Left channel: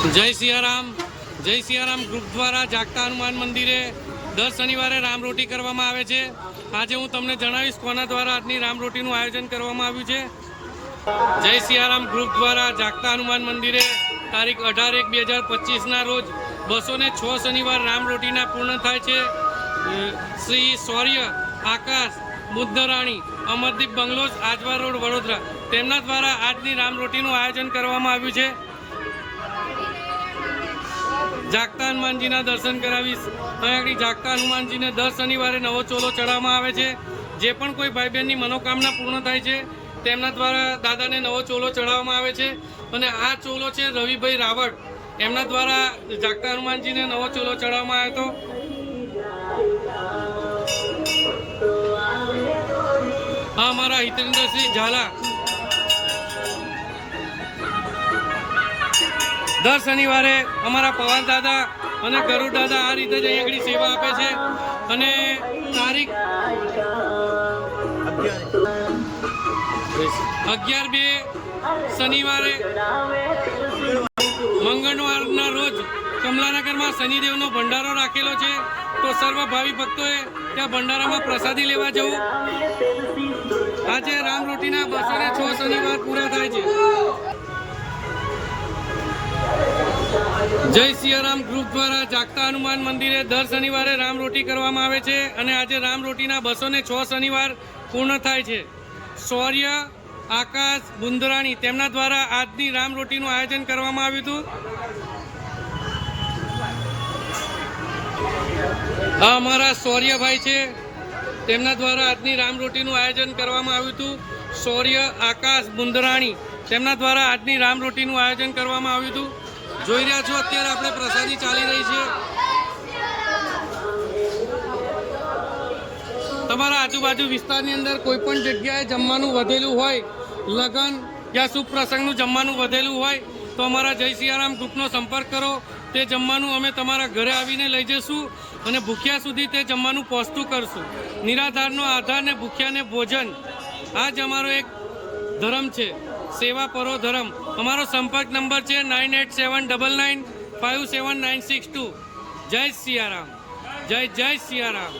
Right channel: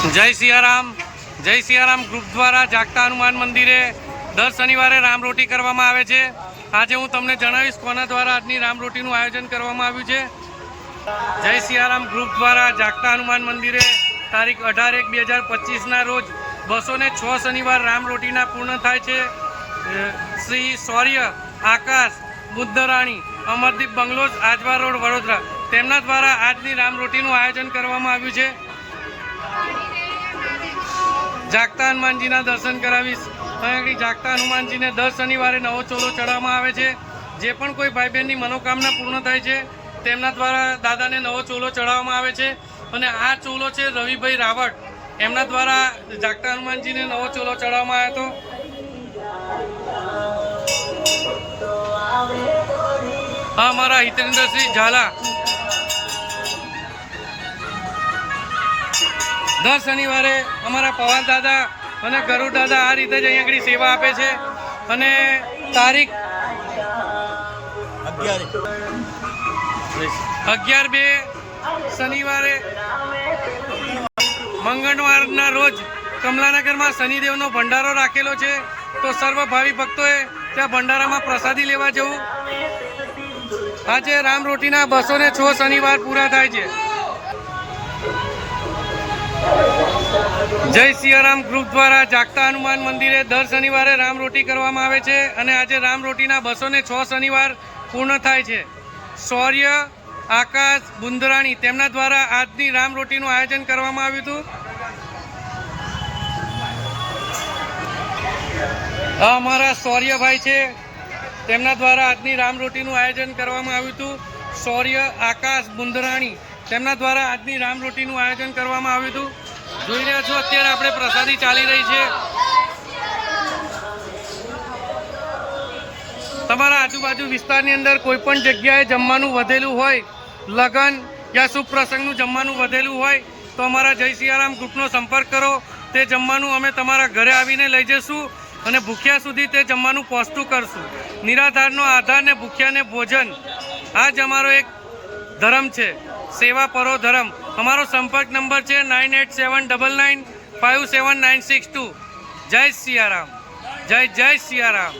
જય સિયારામ ગ્રુપ દ્વારા જાગતા હનુમાન મંદિરે દર શનિવારે રામરોટી કરવામાં આવે છે। આજે હું તમને જણાવીશ કોના દ્વારા આજની રામરોટીનું આયોજન કરવામાં આવ્યું છે। જય સિયારામ ગ્રુપ દ્વારા જાગતા હનુમાન મંદિરે તારીખ 18/1/2025ના રોજ 206 શનિવાર રામરોટીના પૂર્ણ થાય છે। શ્રી શૌર્ય આકાશ બુદ્ધરાણી અમરદીપ બંગલોઝ આજવા રોડ વડોદરા તેમના દ્વારા આજની રામરોટીનું આયોજન કરવામાં આવ્યું છે। જાગતા હનુમાનજીના દર્શન કરાવીશ। અહીં આગળ જાગતા હનુમાનજીને દર શનિવારે નવો ચોલો ચડાવવામાં આવે છે। જે પણ કોઈ ભાઈ બહેનની મનોકામના પૂર્ણ થાય છે તેમના દ્વારા દાદાને નવો ચોલો ચડાવવામાં આવે છે। અને આ ચોલો છે રવિભાઈ રાવટ એમના દ્વારા જાગતા હનુમાનજીને નવો ચોલો ચડાવવામાં આવ્યો હતો। આ અમારા હિતેન્દ્રસિંહ ઝાલા દર શનિવારે અમારા પવાર દાદા અને ગરુડ દાદા આ રીતે જ અહીં આગળ સેવા આપે છે। અને તારીખ 11/2 શનિવારે મંગળવારના રોજ કમલાનગરમાં શનિદેવનો ભંડારો રાખેલો છે। તો સર્વ ભાવિ ભક્તોએ ત્યાં ભંડારામાં પ્રસાદી લેવા જવું। આજે રામરોટીના 206 શનિવાર પૂરા થાય છે। જય સિયારામ ગ્રુપ દ્વારા જાગતા હનુમાન મંદિરે દર શનિવારે રામરોટી કરવામાં આવે છે। અને આજે રામરોટીના 206 શનિવાર પૂર્ણ થાય છે। શૌર્ય આકાશ બુંદરાણી તેમના દ્વારા આજની રામરોટીનું આયોજન કરવામાં આવ્યું હતું। આ અમારા શૌર્યભાઈ છે તેમના દ્વારા આજની રામરોટીનું આયોજન કરવામાં આવ્યું હતું। શૌર્ય આકાશ બુંદરાણી તેમના દ્વારા આજની રામરોટીનું આયોજન કરવામાં આવ્યું હતું। જોઈ રહ્યા છો અત્યારે આપણે પ્રસાદી ચાલી રહી છે। તમારા આજુબાજુ વિસ્તારની અંદર કોઈ પણ જગ્યાએ જમવાનું વધેલું હોય, લગ્ન યા શુભ પ્રસંગનું જમવાનું વધેલું હોય તો અમારા જય સિયારામ ગ્રુપનો સંપર્ક કરો। તે જમવાનું અમે તમારા ઘરે આવીને લઈ જઈશું અને ભૂખ્યા સુધી તે જમવાનું પહોંચતું કરશું। નિરાધારનો આધાર ને ભૂખ્યાને ભોજન આ જ અમારો એક ધર્મ છે, સેવા પરો ધર્મ। અમારો સંપર્ક નંબર છે 9879957962। જય સિયારામ, જય સિયારામ।